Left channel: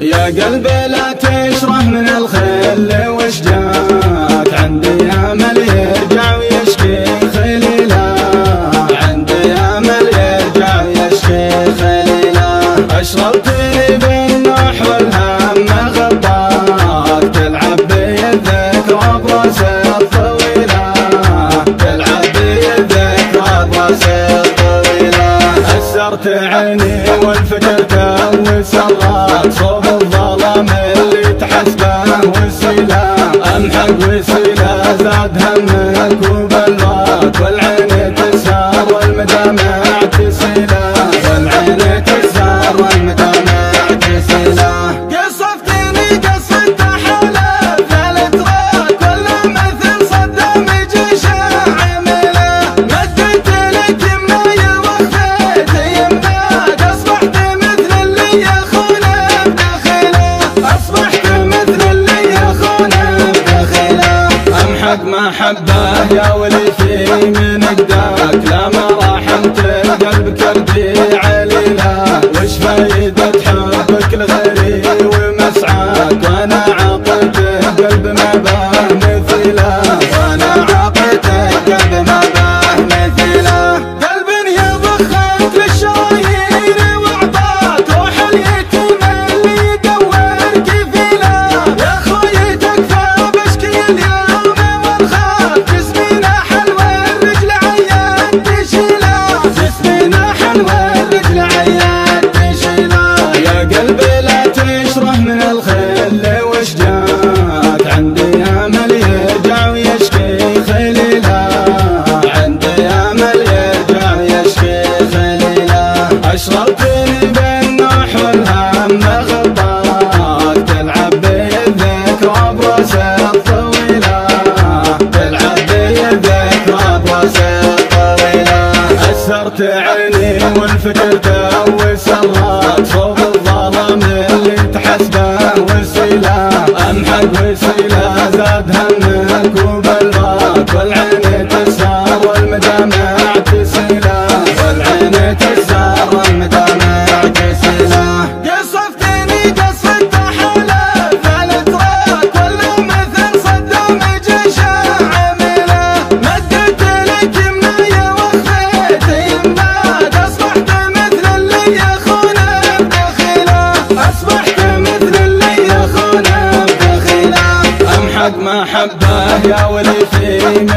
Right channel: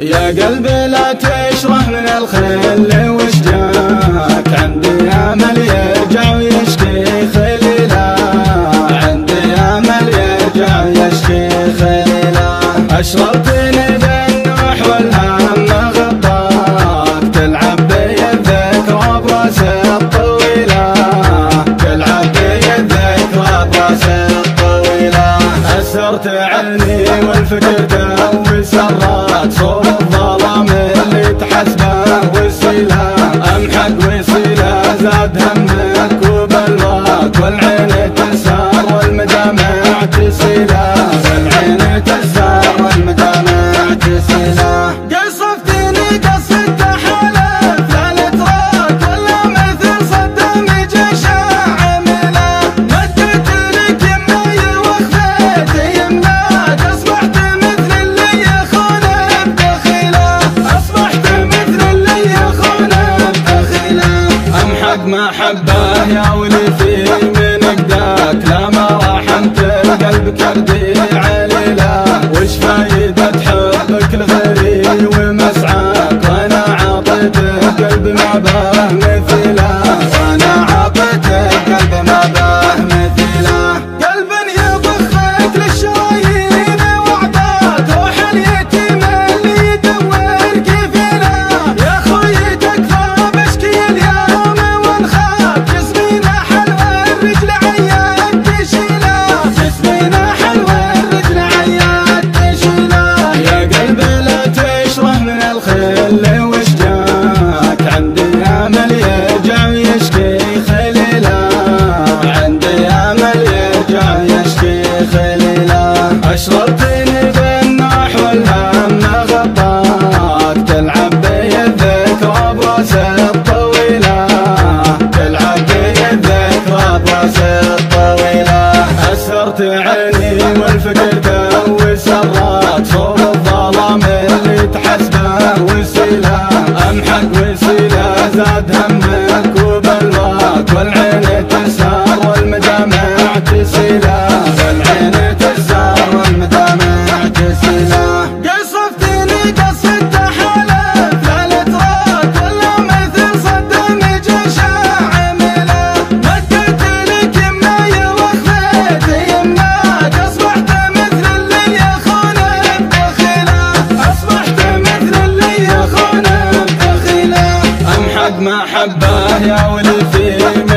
يا قلبي لا تشره من الخل وش جاك، عندي امل يرجع ويشكي خليله، عندي امل يرجع ويشكي خليله. اشربتني بالنوح والهم غطاك، تلعب بي الذكرى براسي الطويله، تلعب بي الذكرى براسي الطويله. أسرت عيني والفكر وسرات صوب الظلام اللي تحسبه وسيله، امحق وسيله زاد همك وبلغاك، والعين تسار والمدامع تسيله، والعين تسار والمدامع تسيله. قصفتني قصة حلف لا نتراك ولا مثل صدام جيش عامله، مدت لك يمي واخذت يمك، اصبحت مثل اللي يخونه بدخيله، اصبحت مثل اللي يخونه بدخيله. امحق محبه يا وليتي من قداك، لا ما رحمت القلب كردي عليله، وش فايدة حبك لغيري ومسعاك، وانا عطيته قلب ما به مثيله، وانا عطيته قلب ما به مثيله. قلب يضخك للشرايين واعطاك، روح اليتيم اللي يدور كفيله، يا خوي تكفى بشكي اليوم ونخاف، جسمينا حلوة الرجل عياد تشيله، جسمينا حلوة الرجل عياد تشيله. يا قلبي لا تشره من الخل وش جاك، عندي امل يرجع ويشكي خليله، عندي امل يرجع ويشكي خليله. اشربتني بالنوح والهم غطاك، تلعب بي الذكرى براسي الطويله، تلعب بي الذكرى براسي الطويله. أسرت عيني والفكر وسرات صوب الظلام اللي تحسبه وسيله، امحق وسيله زاد همك وبلغاك، والعين تسار والمدامع تسيله، والعين تسار والمدامع تسيله. قصفتني قصة حلف لا نتراك ولا مثل صدام جيش عامله، مدت لك يمي واخذت يمك، اصبحت مثل اللي يخونه بدخيله، اصبحت مثل اللي يخونه بدخيله. امحق محبه يا وليتي